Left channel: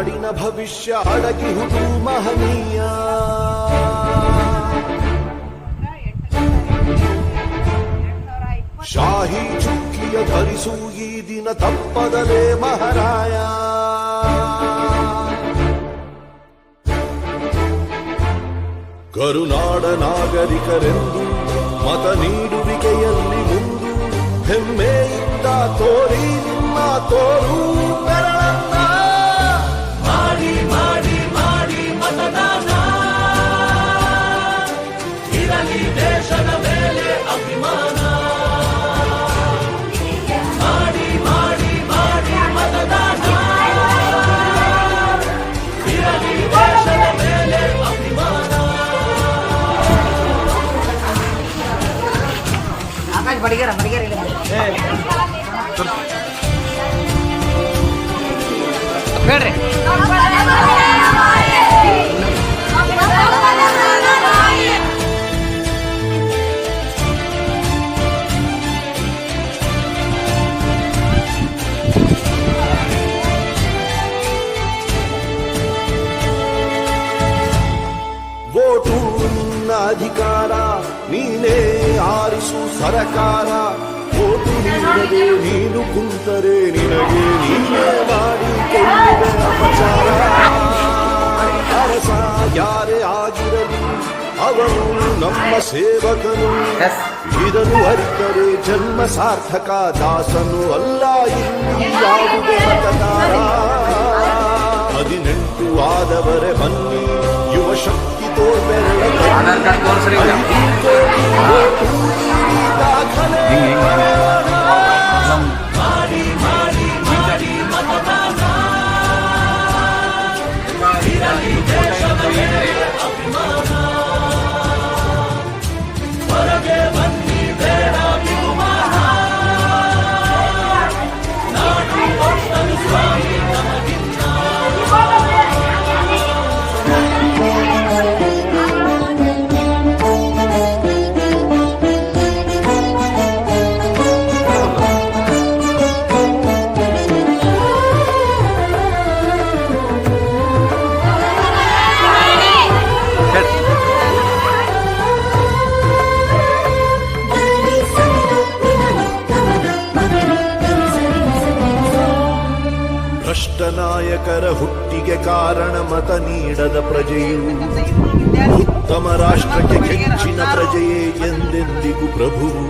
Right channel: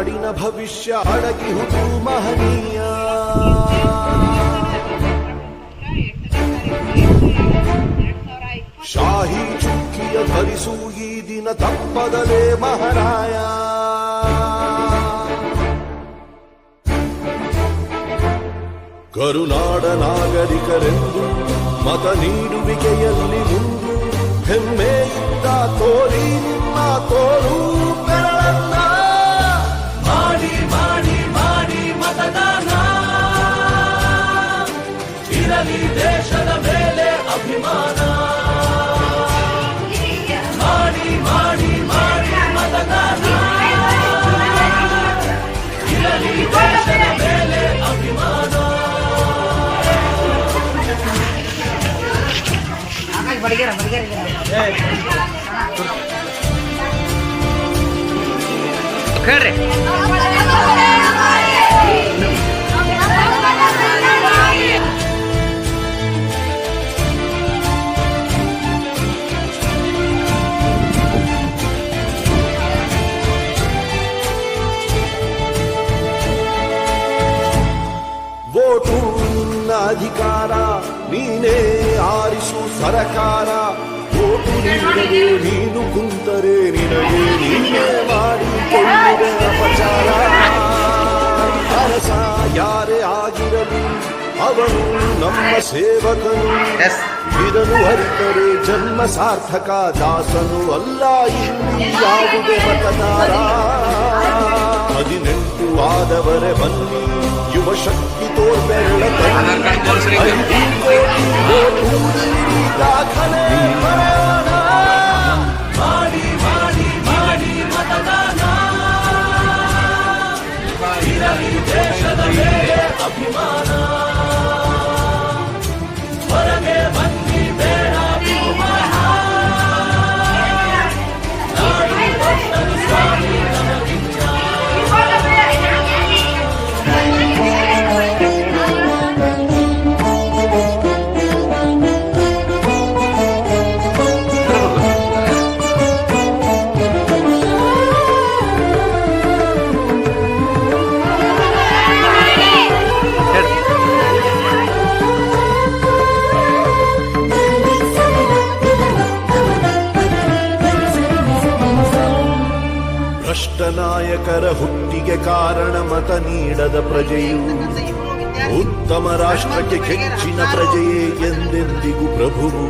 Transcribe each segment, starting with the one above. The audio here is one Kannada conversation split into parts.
ನಾಡಿನ ಭವಿಷ್ಯ ಅಡಗಿಹುದು ಮಹನೀಯ. ಶಾಹಿ ಚುಕ್ಕಿಯ ಧರಿಸು ಈ ದಿನ ತಪ್ಪದಲೇ ಮಹಾರಾಯ. ಕರುನಾಡ ನಾಗರಿಕರೆಂದು ಮತ ನೀಡುವಿಕೆಯಲ್ಲಿ ಮುಂದು ಹೆಮ್ಮೆಯಿಂದ ತೋರಿ ನಿಮ್ಮ ತೋರು ಬೆರಳನ್ನ. ಮಾಡಿ ಮಾಡಿ ಮಾಡಿ ಮತದಾನ, ಇರಲಿ ದೇಶದ ಮೇಲೆ ಅಭಿಮಾನ. ಮಾಡಿ ಮಾಡಿ ಮಾಡಿ ಮತದಾನ, ಇರಲಿ ದೇಶದ ಮೇಲೆ ಅಭಿಮಾನ. ಆಕಾಶ್ ಬಡಿಗೆರ ಕೇಳ್ರಿ. ವೋಟು ನಿನ್ನ ಅಧಿಕಾರ, ನೀನೇ ಆರಿಸು ಸರಕಾರ. ವೋಟು ನೀಡದೆ ನೀನು ಕುಂತರೆ ನಿನಗೆ ನೀನೇ ಮಾಡಿಕೊಳ್ಳುವೆ ಅಪಚಾರ. ಅರಸ ಯಾರೇ ಆಗಿರಲಿ ಅವನು ನಮ್ಮ ಸೇವಕನು. ಇದನ್ನು ಅರಿತರೆ ಜನ್ಮ ಸಾರ್ಥಕ, ದಾಸನು ಅಲ್ಲ ಇಲ್ಲಿ ಯಾವುದೇ ಮತದಾರ. 18 ಆದವರೆ ಬನ್ನಿ, ಯುವ ಶಕ್ತಿ ತೋರ್ಬೆರಳ ತನ್ನಿ. 5 ಕೋಟಿ ವೋಟು ನೀಡಿ ದಾಖಲೆ ಬರೆಯೋಣ. ಮಾಡಿ ಮಾಡಿ ಮಾಡಿ ಮತದಾನ, ಇರಲಿ ದೇಶದ ಮೇಲೆ ಅಭಿಮಾನ. ಹೊರಗೆ ಬನ್ನಿ ಬೇಡ ಬಹುಮಾನ, ನಾಡು ಕೊಟ್ಟನು ಸ್ವಾಮಿ ನಮಗಿಂತ. ಭ್ರಷ್ಟ ನಾಯಕರ ಹುಟ್ಟಿಗೆ ಕಾರಣ ಮತ ನೀಡದ ಪ್ರಜೆಯು. ಉತ್ತಮ ರಾಷ್ಟ್ರಕ್ಕೆ ಕೆಚ್ಚಿನ ಪ್ರಜೆಯೇ ಎಂದೆಂದಿಗೂ ಪ್ರಭುವು.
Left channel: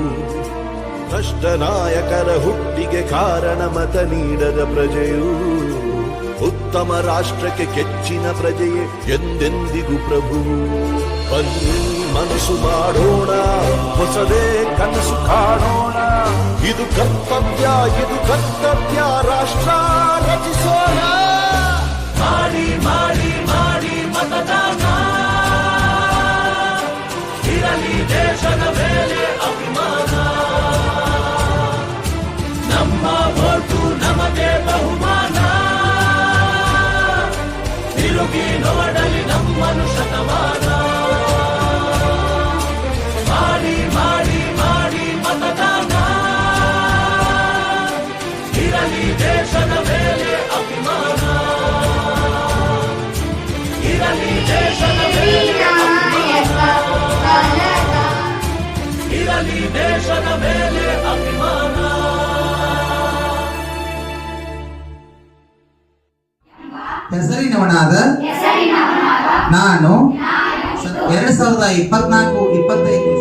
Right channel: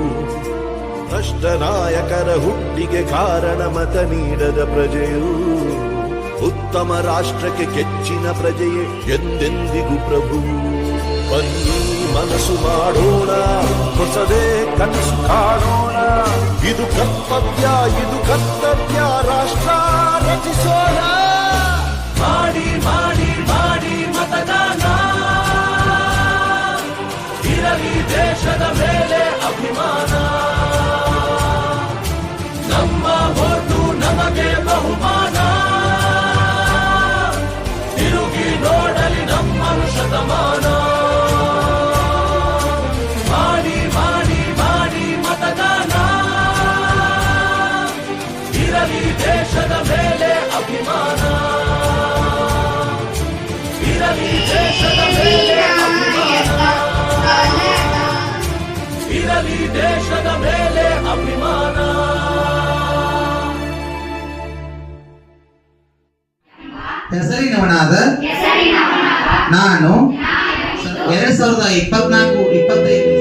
ಭ್ರಷ್ಟ ನಾಯಕರ ಹುಟ್ಟಿಗೆ ಕಾರಣ ಮತ ನೀಡದ ಪ್ರಜೆಯು. ಉತ್ತಮ ರಾಷ್ಟ್ರಕ್ಕೆ ಕೆಚ್ಚಿನ ಪ್ರಜೆಯೇ ಎಂದೆಂದಿಗೂ ಪ್ರಭುವು. ಬನ್ನಿ ಮನಸ್ಸು ಮಾಡೋಣ, ಹೊಸದೇ ಕನಸು ಕಾಣೋಣ. ಇದು ಕರ್ತವ್ಯ, ಇದು ಕರ್ತವ್ಯ, ರಾಷ್ಟ್ರ ರಚಿಸೋಣ. ಮಾಡಿ ಮಾಡಿ ಮಾಡಿ ಮತದಾನ, ಇರಲಿ ದೇಶದ ಮೇಲೆ ಅಭಿಮಾನ. ನಮ್ಮ ವೋಟು ನಮಗೆ ಬಹುಮಾನ, ತಿರುಗಿ ನೋಡಲಿ ನಮ್ಮನ್ನು ಶತಮಾನ. ಮಾಡಿ ಮಾಡಿ ಮಾಡಿ ಮತದಾನ, ಇರಲಿ ದೇಶದ ಮೇಲೆ ಅಭಿಮಾನ. ಇರಲಿ ದೇಶದ ಮೇಲೆ ಅಭಿಮಾನ, ಇರಲಿ ದೇಶದ ಮೇಲೆ ಅಭಿಮಾನ. ಹೆಸರಿನವನಾದ ನಾನು 2024-25